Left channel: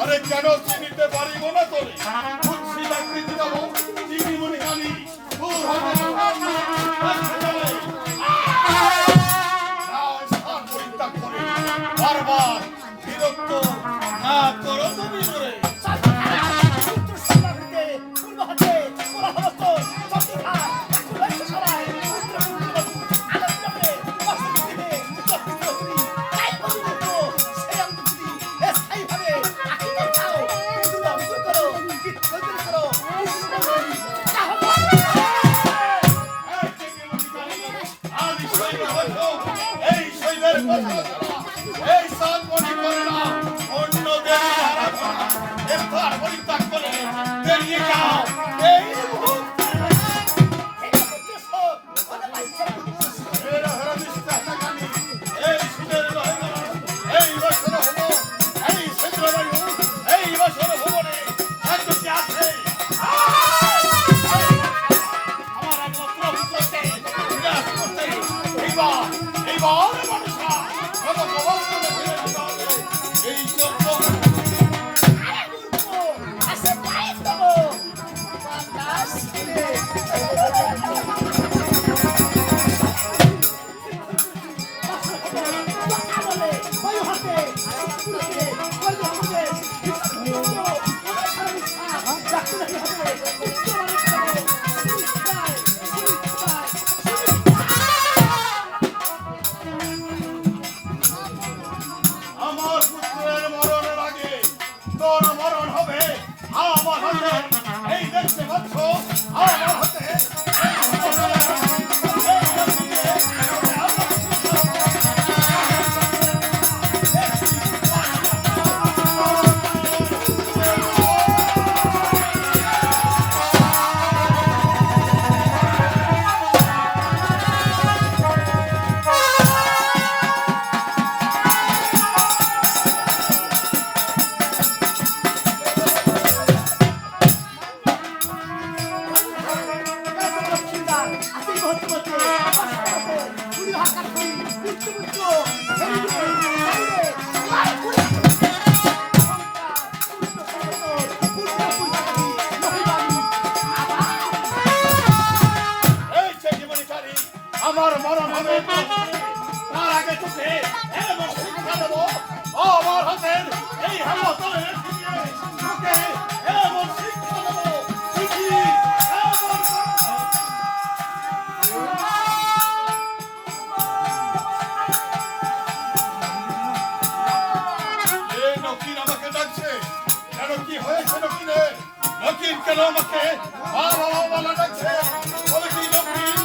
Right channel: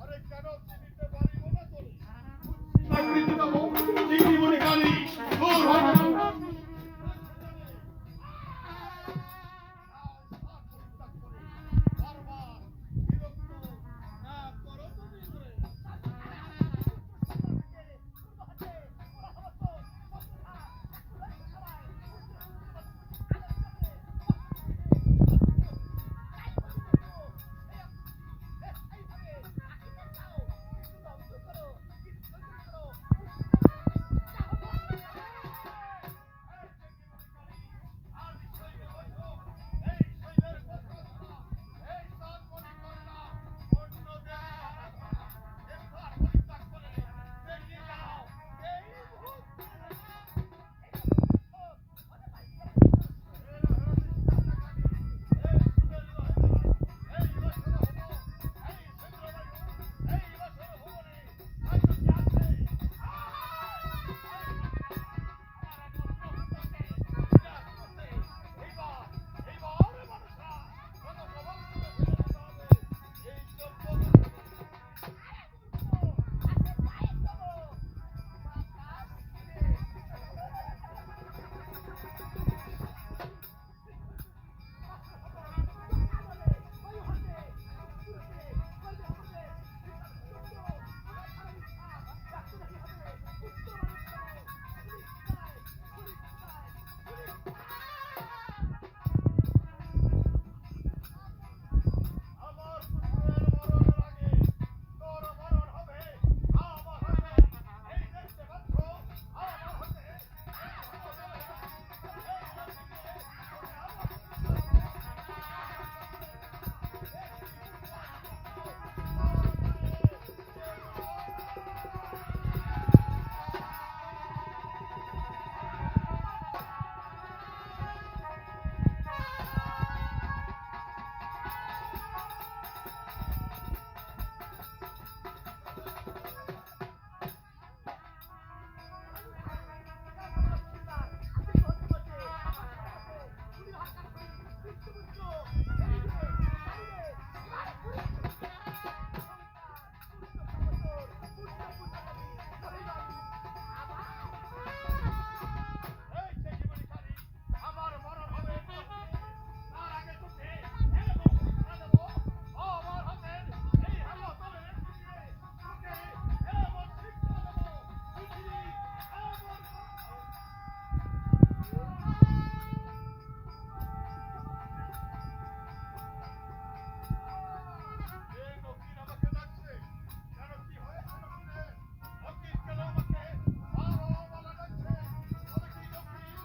আরে কেন চিনিতে পারিব না তোরে? বুঝছি না প্রীতি দেব চিনি মনে কানি দূর হবে স্থান পরিত্যাগ করে বারবার বিরক্ত না করো তুমি মোরে। এই সাত মনে করে না অন্য দেশে হারা স্থান পরিত্যাগ করে বেরিয়ে যাও এই মুহূর্তে। এই সুদের লহরা এই বছর হলো এই চন্দ্রবায়ু এই বছর ভবনে একটি আছে আমার একমাত্র পুত্রকে বিনাশ করতে এইবার মানুষরা কত প্রবন্ধ ফেলে দিতে হবে এই চক্র। আমার পুত্রের মরণের আগে তোর মরণ হবে আমার হাতে। এই দেখতে পাচ্ছ আমার হাতে আমার মরণ হবে তার আগে তোকে এমন শিক্ষা দেবো আমার হাতের এই হামতলের তোকে এমন শিক্ষা দেবো নকিন আমাকে ডাকছে কেন কি হয়েছে নকিনের? নকিন কেন আমাকে বাবা ডাকছে? বলে কি নকিন?